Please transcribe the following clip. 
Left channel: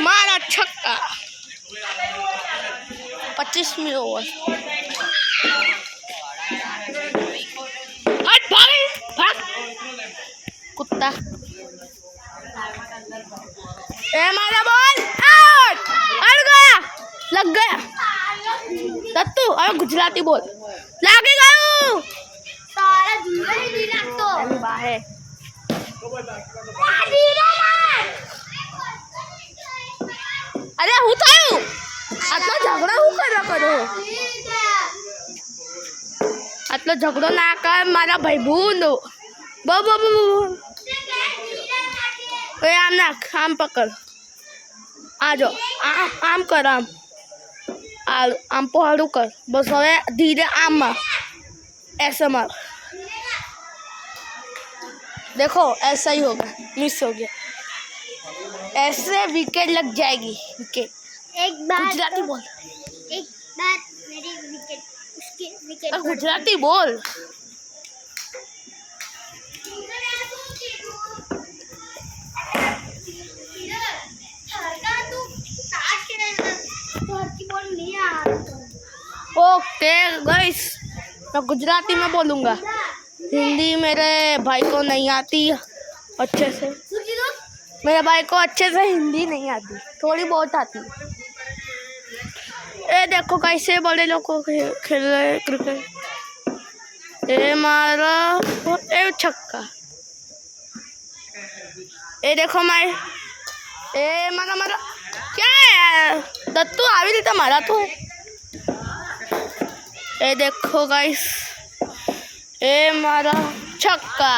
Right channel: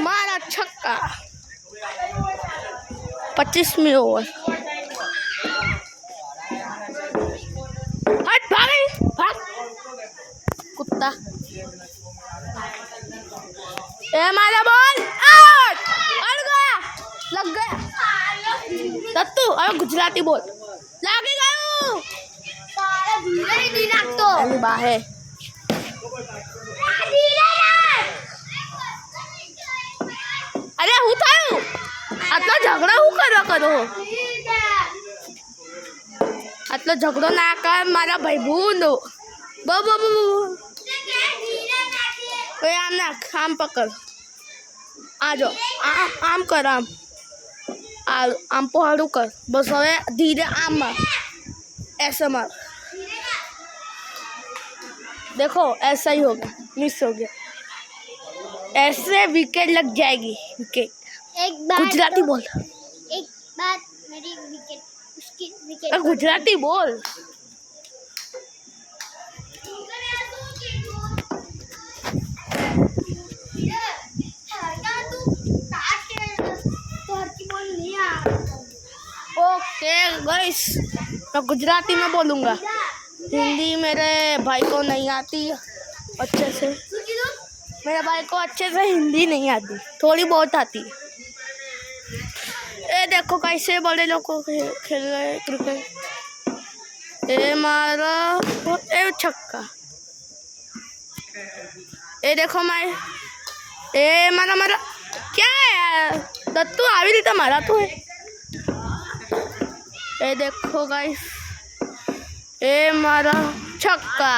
मारा छक्का 25वीं ओवर। हट भाग भाग कुत्ता। ए मारा बॉल आउट अड़ गया लग गया। दत्तू अब गुजराती बोल लागे गयो सारा धीरे धीरे तो अभी बाहे धीरे अरे હું થયું આટલો ઝઘડો હું કરો આટલો ઝઘડો ના કર મારા ભાઈબંધ બો બો બો એ આમ નાખ આમ પકડ આ જો આમ કર आम पहाड़ू कर बस हवे धीरे आम मार ऐसे मार। देखो ऐसा ही होगा मिस हो गया ऐसे विकेट लग जाएगी। विकेट एक बार गुजराती बोल एक बार मेरी विकेट उसकी विकेट गुजराती बोल। ओके गाइस मैं गुजराती में बोलूँगा हिंदी मेरे भाई को नहीं आती अच्छे से। मेरे भाई को अच्छे से हिंदी नहीं आती थोड़ी बहुत आती है। ये देखो कैसे बड़े लोग को खेल रहे क्रिकेट। ये मारा ये छक्का। ये देखो मारे ये मारा मारा क्या है दत्तू આવી રીતે મારા તો। ये देखो गाइस ये मारा छक्का।